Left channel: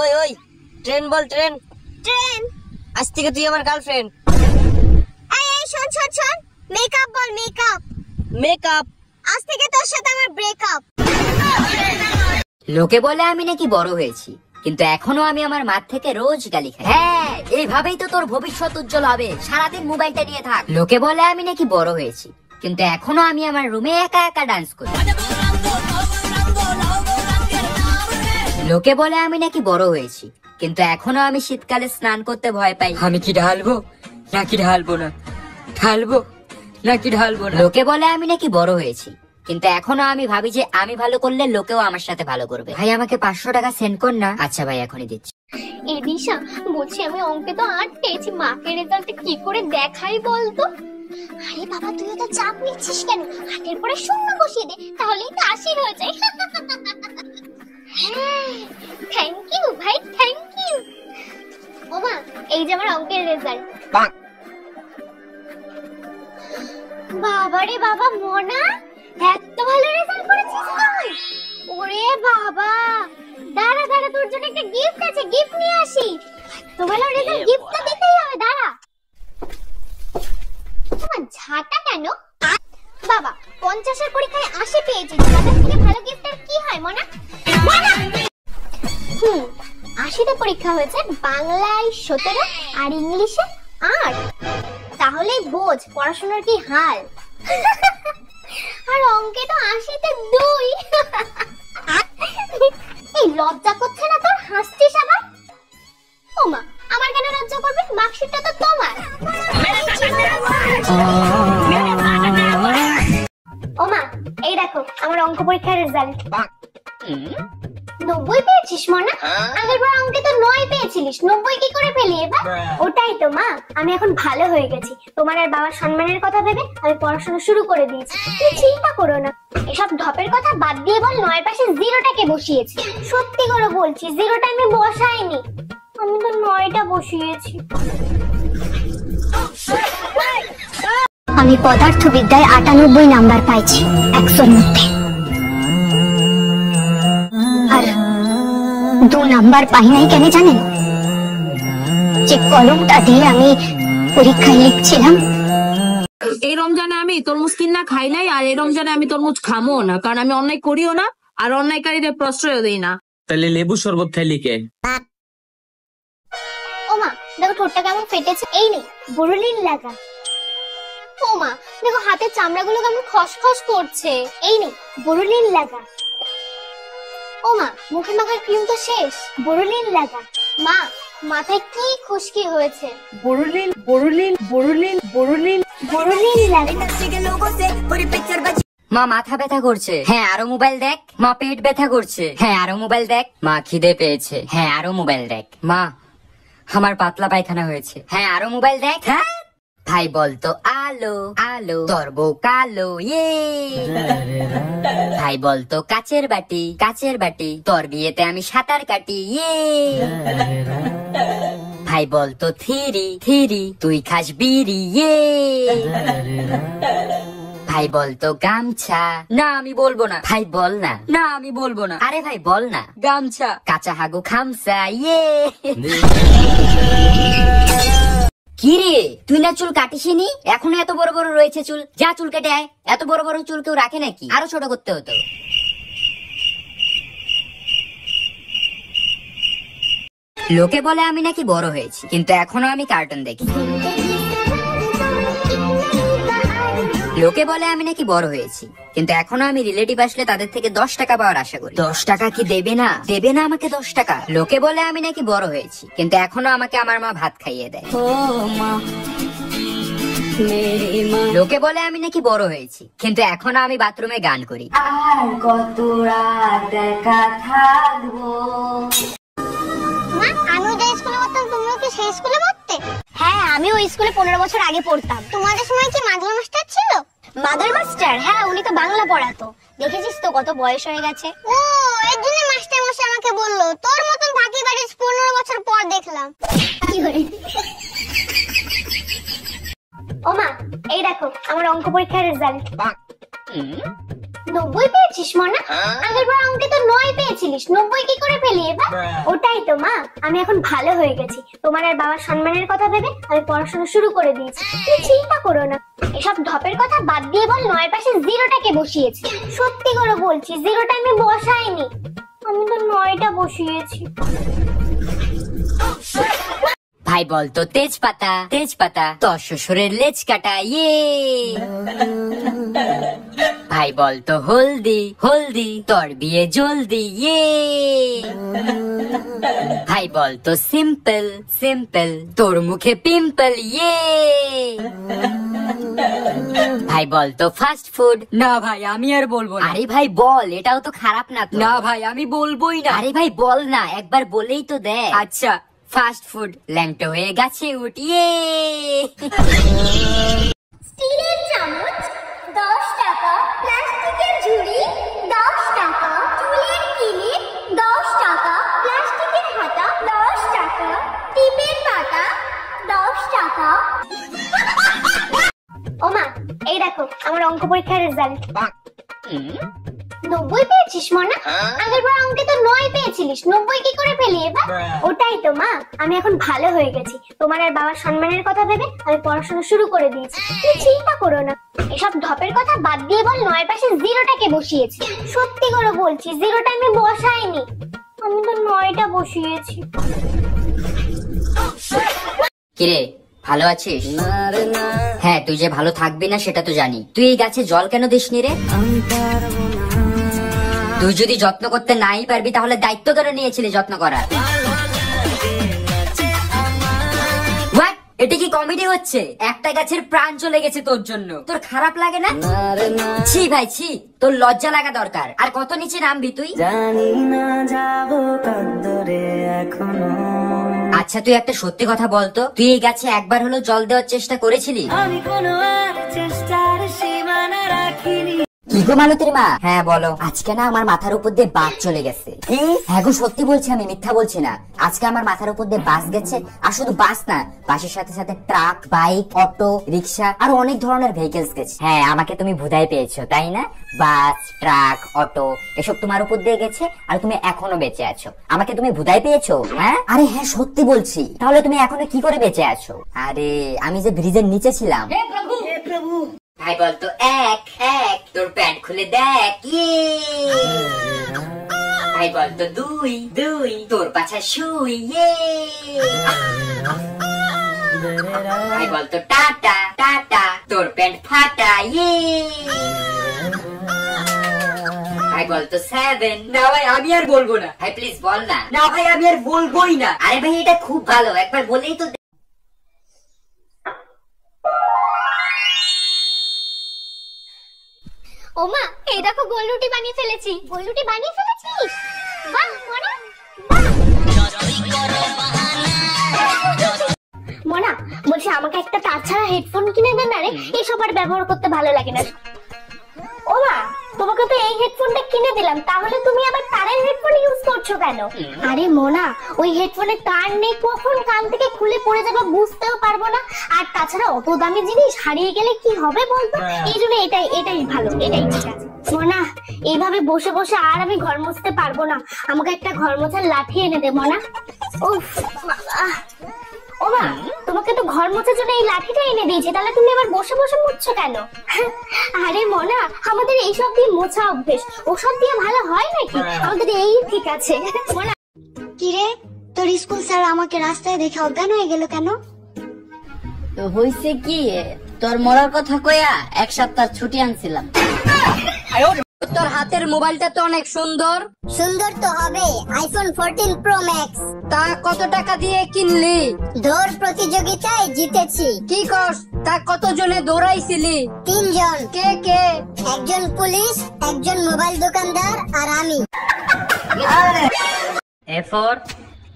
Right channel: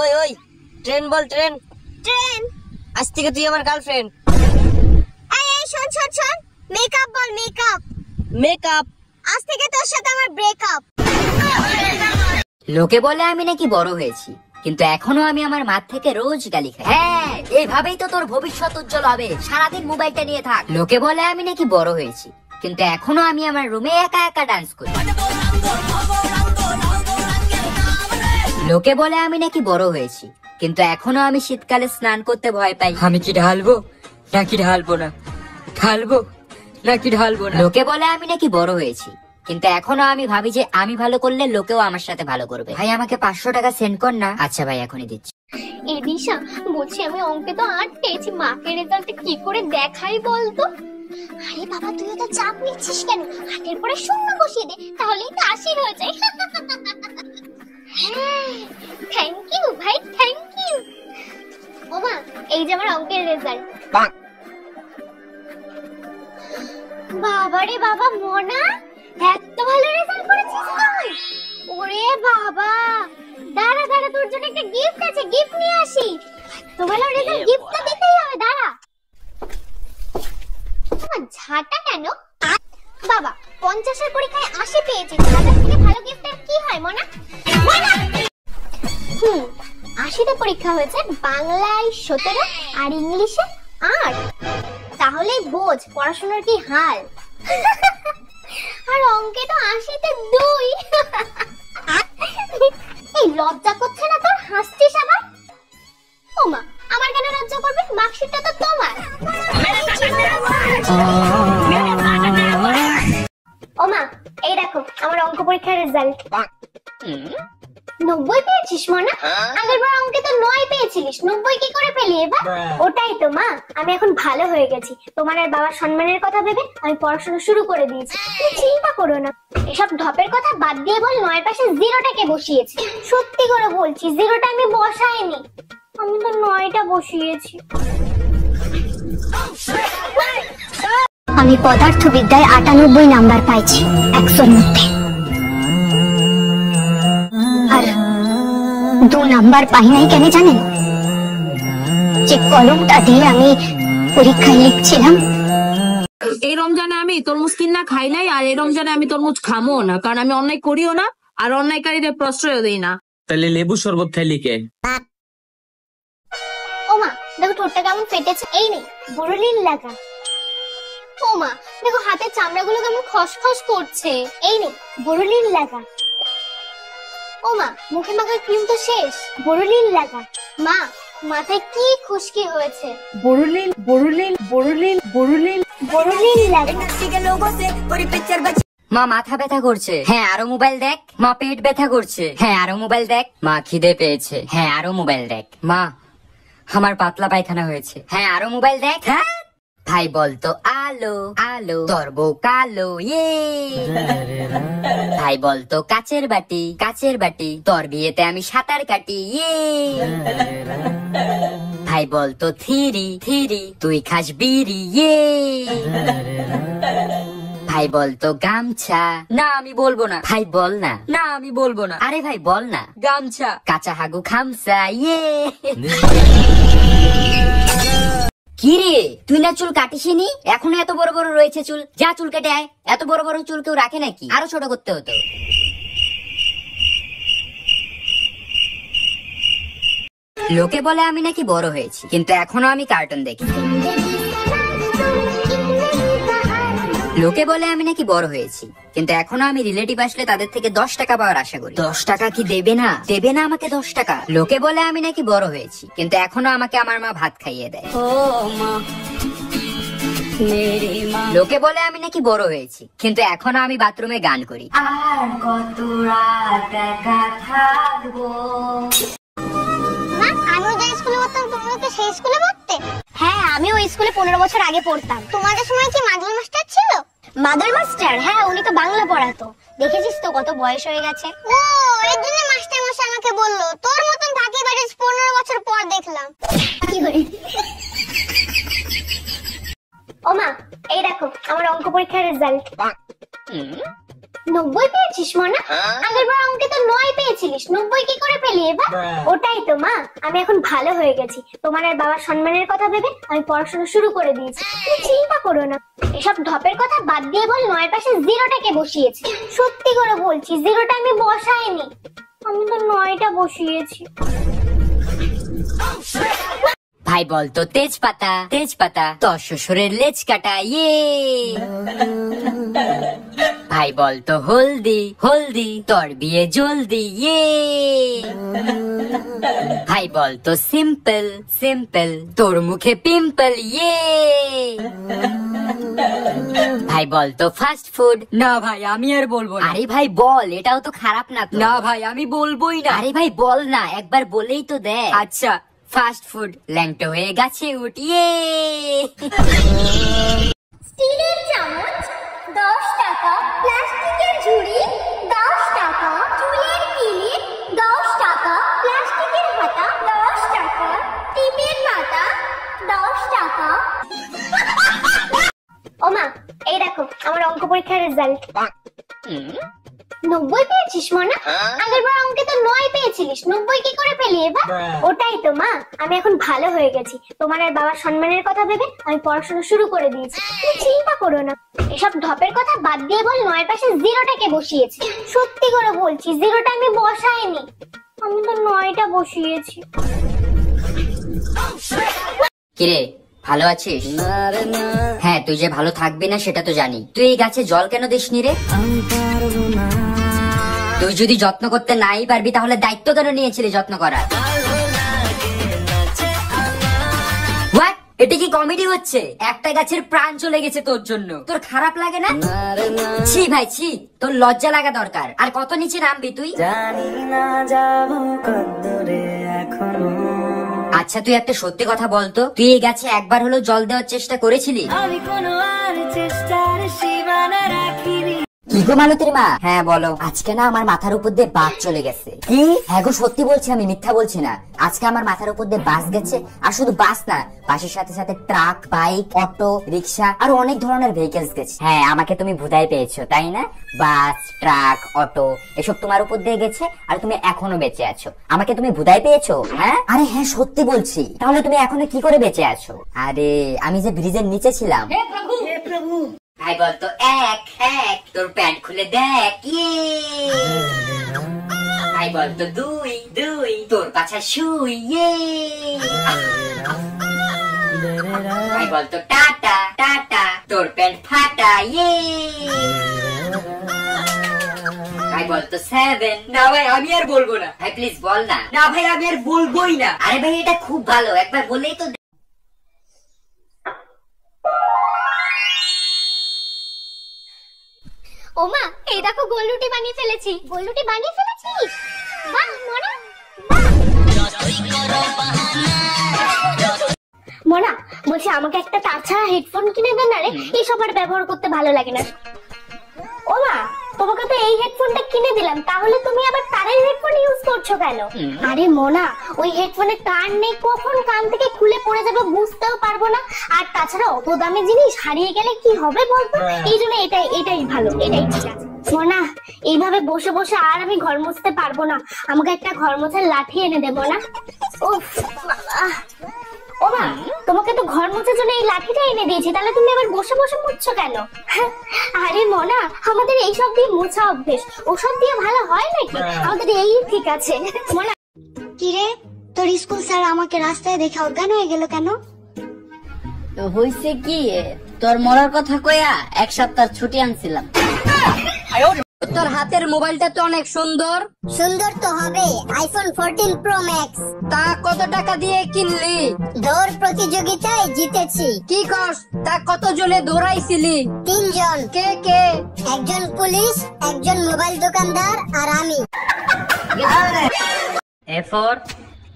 ওই ওই ট্রেন বল, train. Train? আজ থেকে তুই আমার গার্লফ্রেন্ড। এই এই শোন শোন শোন, মেকআপ বল, মেকআপ। মেকআপ? আজ থেকে তোর সাথে আমার ব্রেকআপ। লোকে বলে আমি নাকি বড় হয়েছি, কিন্তু এখনো আমি আমার মা থেকে রোজ গালি খাই। হ্যাঁ, এইভাবেই তো তোর ভবিষ্যৎ উজ্জ্বল হবে, সারাদিন মোবাইলটা নিয়ে থাক। লোকে বলে আমি নাকি বড় হয়েছি, কিন্তু এখনো আমি আমার রুমে একা একা ডান্স করি। লোকে বলে আমি নাকি বড় হয়েছি, কিন্তু এখনো আমি শীতকালে স্নান করতে ভয় পাই। আমি কি ঢালবো নাকি ঢালবো না, ঢালবো নাকি ঢালবো না। লোকে বলে আমি নাকি বড় হয়েছি, কিন্তু এখনো আমি ভাবি যে আমি ভালো করলে লোকেও আমার সাথে ভালো করবে। ভাই আমাকে 500 টাকা সেন্ড কর না। আচ্ছা ভাই, এখনই দিচ্ছি। এই দিশা, বলছি আমি অঙ্কে তো 8 পেয়েছি, মাকে রেজাল্টে কি করে দেখাই বলতো? আরে বাবা, তুই তো চাপ নিচ্ছিস কেন? 8 পরে 0 বসিয়ে দে, তাহলেই তো 80 হয়ে যায়। থ্যাংক ইউ ভাই, থ্যাংক ইউ। ওমা, এই যে আমার অঙ্কের রেজাল্ট। বাবা রে বাবা, মোনা এত ভালো রেজাল্ট করেছিস তুই? ওরে বাবা, দাঁড়া দাঁড়া, তোর জন্য একটা গিফট আছে, গিফট নিয়ে আসি। এত ভালো রেজাল্ট, গিফটটা দিতেই হবে, দাঁড়া। তোমার ঝাঁটা কেন? বাবা 50 এর পরীক্ষায় 80 পেয়েছিস, তাদের থেকে ভালো গিফটের কি হয় মোনা? 80তে পরীক্ষা হয়েছে, বাংলায় 17 আর ইংলিশে 8। তাহলে বোঝ পড়াশোনার কি হাল। আর অঙ্কে তো 80তে 2। এই লজ্জা করছে না তোর? হাসছিস আবার? ওমা, আমার কেন লজ্জা করবে? মার্কশিটটা তো তোমার। ওমা, এই দেখো আমার অঙ্ক পরীক্ষার রেজাল্ট। 90 পেয়েছিস মনা? আগের বার অঙ্কে তো 9 পেয়েছিলিস, 90 কি করে পেলি এবার? ওটাই তো মা, আমি এখন ভালো হয়ে গেছি। তোমার আর বাবার সম্মানের কথা ভেবে আমি পড়াশোনা শুরু করে দিয়েছি। তুমি চিন্তা করো না। এসব ঢপের কথা বাদ দিয়ে বল, 9 পাশে 0টাকে বসিয়েছি। সত্যি করে বলছি, 0টা আমি বসাইনি, আমি তো 9টা বসিয়েছি। আমি পদার্থবিদ্যায় 98 নাম্বার পাইছি 100-র মধ্যে, আর 2 নাম্বার পাই নাই কেন জানেন? যে কলমটা দিয়ে আমি পরীক্ষায় লিখছিলাম। এই রমজানে আমি তরমুজ কিনা খাই নাই, আর এই রমজানে আমি তরমুজ খামো না, কারণ আমি অন্যায় করিও না আর অন্যায়কারীদের প্রশ্রয় দেই না। তাহলে লেবু শরবত খাইলি কে? ওমা, দেখো ঠোঁটটা কেমন ফেটেছে। এই নে বোরোলিন লাগা। ওমা, দেখো হাতের চামড়াগুলো কেমন খসখস করছে। এই নে বোরোলিন লাগা। ওমা, মুখে মাখার ক্রিম তো শেষ, বোরোলিন লাগা। মা, মাথায় কি খুশকি হয়েছে? বোরোলিন বোরোলিন বোরোলিন বোরোলিন বোরোলিন লাগা। মা মাথা ব্যথা করছে, হ্যাঁ আরো মোবাইল দেখ। মা পেট ব্যথা করছে, হ্যাঁ আরো মোবাইল দেখ। মা খিদে পেয়েছে, হ্যাঁ আরো মোবাইল দেখ। মা আমার পাতলা পায়খানা হয়েছে, হ্যাঁ আরো মোবাইল দেখ। হ্যাঁ ভাই বলতো আলো আলো, তোর বউ কালো, ইয়ে। ভাই বলতো কাচের বাটি কাচের বাটি, তোর বিয়েতে আমি সাঁতার কাটি, ইয়ে। ভাই বলতো থিরি থিরি, তুই খাস বিড়ি, ইয়ে। ভাই বলতো গামছা, না আমি বলবো না। ভাই বল না, না আমি বলবো না। আরে ভাই বল না। গামছা, কাঁচা হাগু খামসা, ইয়ে। কি রে, তুই না চুল কাটিসনি? এখনো এত বড় বড় রয়েছে চুল, যা চুল কেটে আয়। এত বড় বড় চুল কেউ রাখে নাকি? আরো ছোট করতে হতো। লোকে বলে আমি নাকি বড় হয়েছি, কিন্তু এখনো আমি কার্টুন দেখি। লোকে বলে আমি নাকি বড় হয়েছি, কিন্তু এখনো আমি রিলেটিভ আসলে তাদের থেকে 10 টাকা পাওয়ার আশা করি। 10 টাকা কি দেবে না? দেবে না আমাকে 10 টাকা? লোকে বলে আমি নাকি বড় হয়েছি, কিন্তু এখনো আমাকে আমার মা ভাত খাইয়ে দেয়। লোকে বলে আমি নাকি বড় হয়েছি, কিন্তু এখনো আমি বাথরুমে গান করি। আর কত রাত একা থাকবো। আমিও যে স্কুলে পড়তাম, তুমিও কি সেই স্কুলে পড়তে? হ্যাঁ, আমিও স্কুলে 15 বছর আগে পড়তাম। তোমাদের সময় কি মাদুর মাস্টার ছিল? মাদুর মাস্টার? হ্যাঁ, উনি তো বাংলা পড়াতো। দেখেছিস তো কত বয়স হয়ে গেছে। ও, এর জন্য মাস্টার মশাই আমাকে বললো তোর মতন বাকি বাড়ি 15 বছর পর দেখলাম। কি করে? ওমা, এই দেখো আমার অঙ্ক পরীক্ষার রেজাল্ট। 90 পেয়েছি। পেয়েছিস মনা? আগের বার অঙ্কে তো 9 পেয়েছিলিস, 90 কি করে পেলি এবার? ওটাই তো মা, আমি এখন ভালো হয়ে গেছি। তোমার আর বাবার সম্মানের কথা ভেবে আমি পড়াশোনা শুরু করে দিয়েছি। তুমি চিন্তা করো না। এসব ঢপের কথা বাদ দিয়ে বল, 9 এর পাশে 0টাকে বসিয়েছি। সত্যি করে বলছি, 0টা আমি বসাইনি, আমি তো 9টা বসিয়েছি। ভাই বলতো তেজপাতা, তেজপাতা তোর শ্বশুরের লেজ কাটা, ইয়ে। ভাই বলতো হলদি, হলদি তোর বিয়ে জলদি, ইয়ে। ভাই বলতো সিম্পল, সিম্পল তোর মুখে পিম্পল, ইয়ে। ভাই বলতো ফাস্ট ফুড। না ভাই আমি আর বলবো না। আরে ভাই বল, এটাও তো খারাপ না। না ভাই আমি বলবোই না। আরে ভাই বল না, একবার বলেই তো দেখ। আচ্ছা ফাস্ট ফুড। ল্যাংটো হয়ে গাছে উঠিয়ে। স্টিলের চামচ 10 টাকা, প্লাস্টিকের ঝুড়ি 10 টাকা, চুলের কিলিপ 10 টাকা, প্লাস্টিকের হাতা 10 টাকা, টিপের পাতা 10 টাকা। ওমা, এই দেখো আমার অঙ্ক পরীক্ষার রেজাল্ট। 90 পেয়েছিস মনা? আগের বার অঙ্কে তো 9 পেয়েছিলিস, 90 কি করে পেলি এবার? ওটাই তো মা, আমি এখন ভালো হয়ে গেছি। তোমার আর বাবার সম্মানের কথা ভেবে আমি পড়াশোনা শুরু করে দিয়েছি। তুমি চিন্তা করো না। এসব ঢপের কথা বাদ দিয়ে বল, 9 এর পাশে 0টাকে বসিয়েছি। সত্যি করে বলছি, 0টা আমি বসাইনি, আমি তো 9টা বসিয়েছি। কিরে ভালো আছিস? হ্যাঁ তুই যে ভালো থাকবি না সেটা তো জানি। তুই এই গাছে জল কেন দিসনি রে? তুই যদি যত্ন করতে নাই পারবি তাহলে দায়িত্ব কেন নিয়েছিলি যত্ন করার? What? এটা কি কমেডি হচ্ছে? একটা গাছের প্রাণ চলে গেছে তোর জন্য, তোর খারাপ লাগে না? ছি ভাই ছি, তোর লজ্জা লাগা দরকার। আর কত নিচে নামবি তুই? জানি না যাবো কতদূরে এখনো। আচ্ছা তুই একটা সত্যি কথা বলতো, তুই এই গাছে একবার হলো জল দেওয়ার চেষ্টা করেছিলি? কি গো মালতীর মা? হ্যাঁ বলো। আজকে না আমার মাথার উপর দিয়ে বাস চলে গেছে। কি? হ্যাঁ গো সত্যি বলছি, আমি মিথ্যা বলছি না। আজকে আমার মাথার উপর দিয়ে বাস গেছে। আর শুধু বাস না, বাসের সাথে সাথে ট্রাক, বাইক, অটো, রিক্সা আরো অনেক ধরনের ভেহিকেলস গেছে। হ্যাঁ আমাকে তুমি ভুদাই পেয়েছো তাই না? বাস, ট্রাক, অটো এসব তোমার উপর দিয়ে গেছে আর তুমি এখনো বেঁচে আছো। আমাকে তুমি ভুদাই পেয়েছো? হ্যাঁ আরে হ্যাঁ সত্যি বলছি। তাহলে তুমি এখনো কি করে বেঁচে আছো? আরে আমি যে ব্রিজের নিচে ছিলাম। হে প্রভু, হে প্রভু। ভাই বলতো এক এক তোর প্যান্ট খুলে দেখ, ইয়ে। ভাই বলতো দুই দুই তোর পাছা শুই, ইয়ে। ভাই বলতো টাটা টাটা তোর প্যান্ট ফাটা, ইয়ে। ভাই বলতো 7। না ভাই আমি আর বলবো না। ভাই প্লিজ বল না। না ভাই আমি আর বলবোই না। আরে ভাই এটা খুব ভালো, একবার বলেই তো। ওমা, এই দেখো গোল রুটি বানিয়ে ফেলেছি। গোল রুটি বানিয়ে ফেলেছিস? বাহ মনা, মনা বলছি আমাকে একটা তাছাড়া হেডফোন কিনে দেন না রে, এইসব আর ব্যবহার করতে ভালো লাগে না। ওমা তোমাকে তো এই হেডফোনটা কিনে দিলাম, তাহলে তুমি আবার তারের হেডফোন ইউজ করছো কেন? আরে মোনা ওই হেডফোনে তার নেই, কখন কান থেকে খুলে পড়ে যাবে বুঝতেও পারবো না। আর তাছাড়া অত দামি জিনিস হারিয়ে গেলে কি হবে বলতো? এই জন্য এটাই ভালো, এটাই ঠিক আছে। মোনা এইভাবে বসে বসে আর আমি ঘর মুছতে পারবো না, আমাকে একটা ঘর মোছার লাঠি এনে দে মোনা। উফ বাবা। ওমা তোমাকে তো ঘর মোছার জন্য এই লাঠিটা এনে দিয়েছি, তাহলে তুমি এবার বসে বসে মুছছো কেন? আরে মোনা আমাদের এইসব দিয়ে মোছা অভ্যেস, ওসব দিয়ে ভালো হয় নাকি? আমাদের এই ঠিক আছে। মোনা কিরে তোর স্কুল স্যার আমাকে রাস্তায় দেখে অজ্ঞান হয়ে গেল কেন? তো হইছে কি, তোর মরার কথা কইয়া 1 সপ্তাহ ছুটি আনছিলাম। তোর হাতের মোবাইলটা তো অনেক সুন্দর। সুন্দর তো হবে, আইফোন 14 প্রো ম্যাক্স। তা কত টাকা দিয়ে কিনলি? দৌড় প্রতিযোগিতায় জিতেছি। কি কস? তা কত জনে দৌড়াইছিলি? 3 জন। কে কে? একজন পুলিশ, একজন মোবাইল দোকানদার আর আমি। A for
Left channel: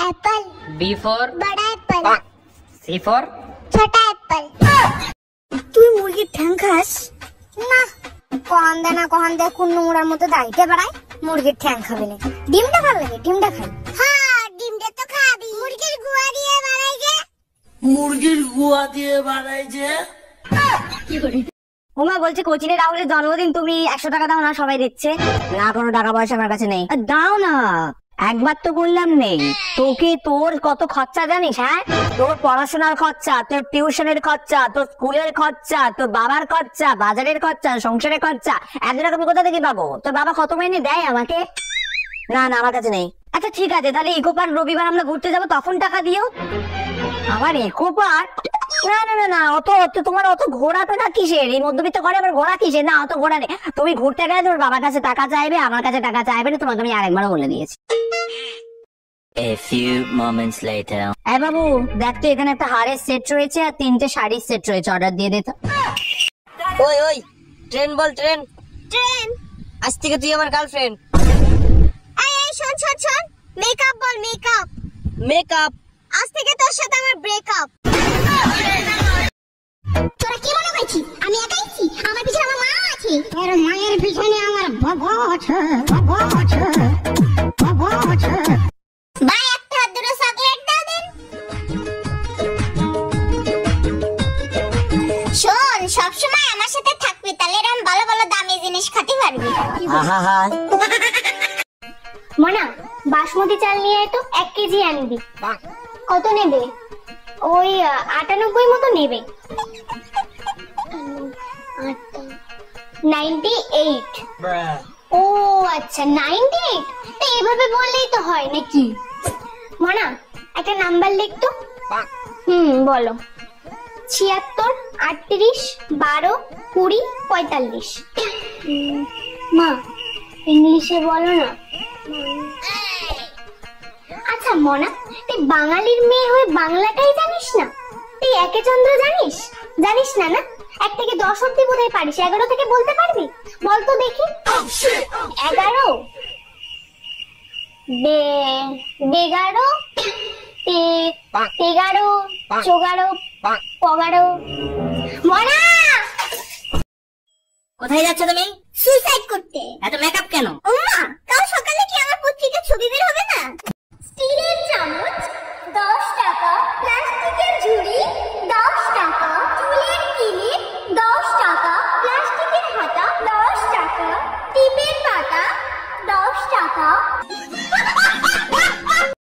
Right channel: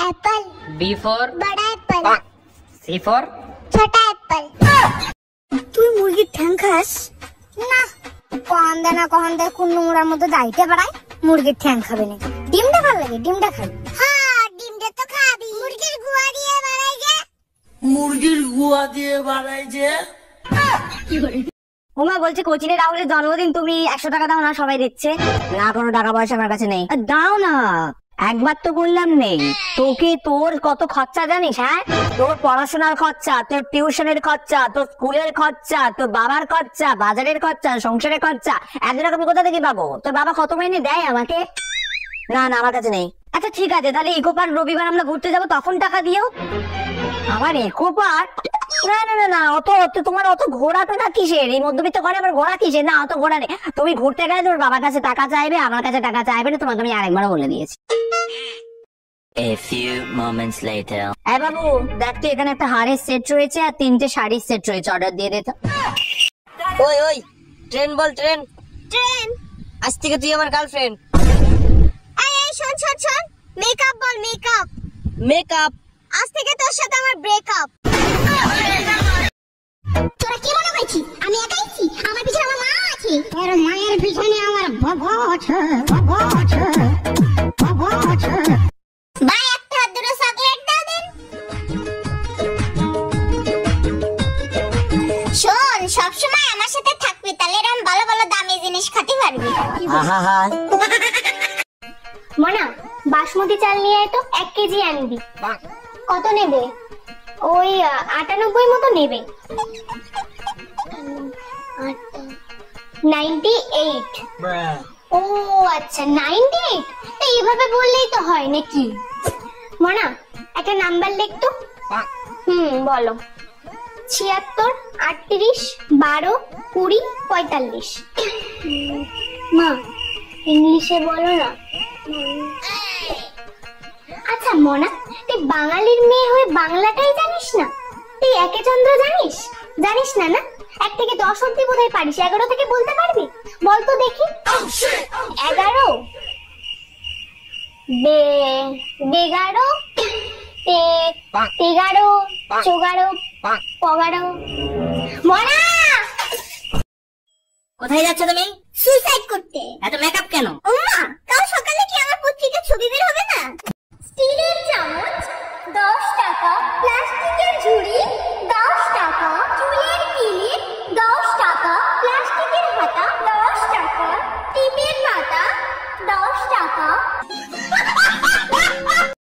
Apple, B for বড় অ্যাপল, C for ছোট অ্যাপল। তুই মুরগির ঠ্যাং খাস না? কহান দে কোন নোংরার মধ্যে দাইতে পারায় মুরগির ঠ্যাং খাবে না। ডিমটা ভালো লাগে, ডিমটা খাই। হ্যাঁ ডিমটা তো খাবি। মুরগির গুয়া দিয়ে বানাই যে। মুরগির গুয়া দিয়ে বানাই যে। উমা বলছি কোচিনে রাহুলের জন্মদিন, তুমি 100 টাকা দাও না, সবাই দেখছে। না, কোনো টাকা পয়সা আমার কাছে নেই। দাও না, একবার তো বললাম নেই। তোকে তোর কত খরচা জানিস? হ্যাঁ, তোর পড়াশোনার খরচা, তোর টিউশনের খরচা, তোর স্কুলের খরচা, তোর বাবার খরচা, বাজারের খরচা, সংসারের খরচা, এত টাকা আমি কোথা থেকে পাবো? তোর বাবা কত মাইনে দেয় আমাকে? না না, আমার কাছে নেই। আচ্ছা ঠিক আছে, তাহলে ইকো পার্ক রবিবার আমরা ঘুরতে যাবো, তখন টাকা দিও। আবার ইকো পার্ক? না না না না, তোমার অত ঘোরা টাকা কিসের? এই মধ্যবিত্ত ঘরে আবার ঘোরা কিসের? না, অত ঘোরা নেই। তুমি ঘুরতে গেলে তোর বাবার কাছে টাকা চাইবে, আমার কাছে টাকা চাইবে না, তোমাকে আমি আরেকবারও বলে দিয়েছি। A few moments later. হ্যাঁ বাবু, দেখ তো এখানে একটা হারের সেট রয়েছে আর 3টে শাড়ির সেট রয়েছে, অর্ডার দিয়ে দে তো। ওই ওই, ট্রেন বল ট্রেন। ট্রেন। আজ থেকে তুই আমার গার্লফ্রেন্ড। এই শোন শোন শোন, মেকআপ বল মেকআপ। মেকআপ। আজ থেকে তোর সাথে আমার ব্রেকআপ। তোরা কি মনে করছিস আমি একাই আছি? আমার পিছনে আমার মা আছে। তোর মায়ের পিছনে আমার বাবা আছে, বাবা আছে, বাবা আছে। ভাই একটা দুটো চকলেট দাও দেন। শোন, সবসময় আমার সাথে থাকবি, তাহলে এরকম ভালো ভালো দামি জিনিস খেতে পারবি। আহা, মনা, বাসমতি চাল নিয়ে আয় তো, 1 কেজি আনবি। কত নেবে? ওই 98 মতো নেবে। 98। ও আচ্ছা, 98। তা এইভাবে বললেই তো হয় নাকি? মনা, একটা নাম্বার লিখ তো। বলো। 76, 38, 12, 20, 45। মা, ইংলিশে বলো না। আচ্ছা মনা, তুই বাঙালির মেয়ে হয়ে বাংলাটাই জানিস না? তুই একে চন্দ্র জানিস? জানিস না না? 1 থেকে 10 অব্দি বোধহয় পারিস, 11 থেকে বলতে পারবি? বল তো দেখি। 11, 11, 13, 14, 15। মনা, কোথায় যাচ্ছ তুমি? সুইসাইড করতে। এত মেকআপ কেন? ওমা, কাল সকালে কি আমার পত্রিকা ছবি বের হবে না? স্টিলের চামচ 10 টাকা, প্লাস্টিকের ঝুড়ি 10 টাকা, চুলের ক্লিপ 10 টাকা, প্লাস্টিকের হাতা 10 টাকা, টিপের পাতা 10 টাকা।